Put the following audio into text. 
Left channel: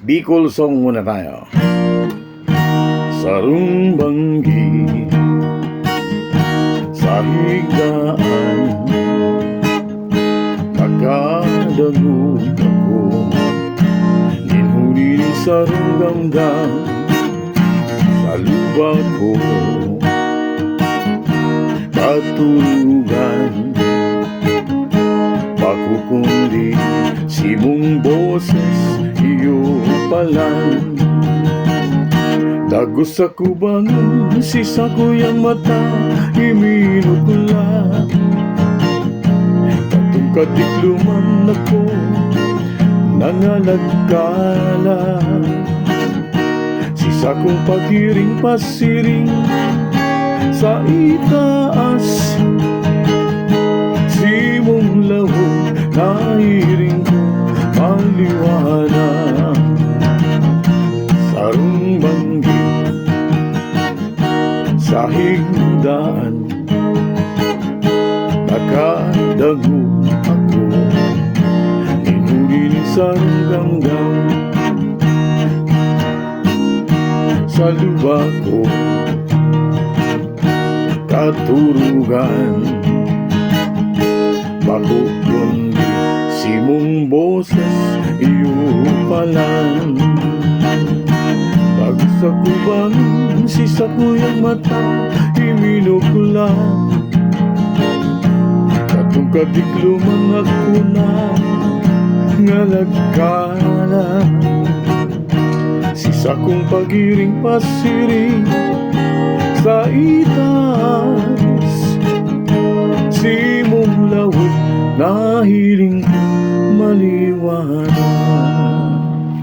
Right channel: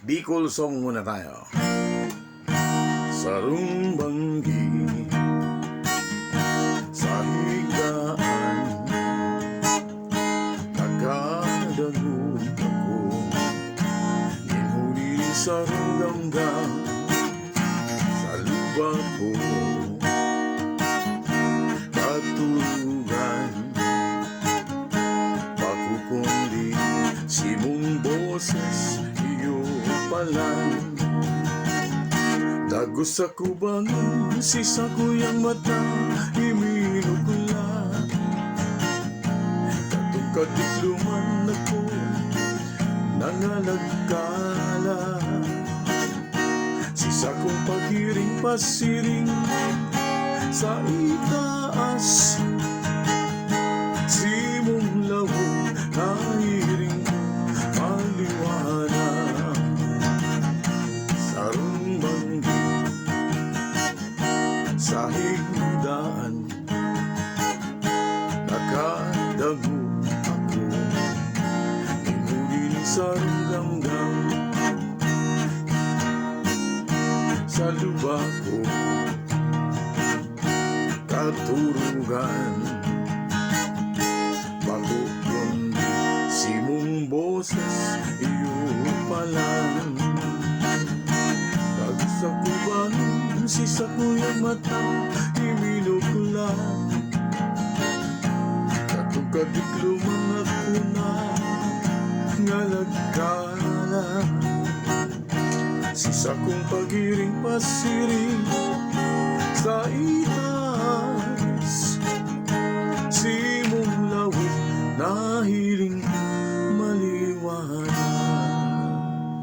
Bicol song muna tayo. Sarong banggi sa higdaan, nakadagog ako, ninhuli ni sarong damdam sa lubak ko, katulugan pakukundi si mong boses iyo palang. Dagos sa kubangan, sisa ko yung mata, iminukula. Katong kadikluman ako, nangalagkala. Sisa kong pagiring pasiring sa itaas. Si mong lawong nahiring ko maliwanag. Sarong banggi sa higdaan, nakadago ako, ninhuli ni sarong damdam sa lubak ko, katurugan makukundi si mong boses iyo palang. Sa kubangan, sisa ko yung mata, iminukula. Katong kadikluman ako na ngalagkala. Sisa kong pagiring pasiring sa itaas. Si mong lawag nahiling maliwanag.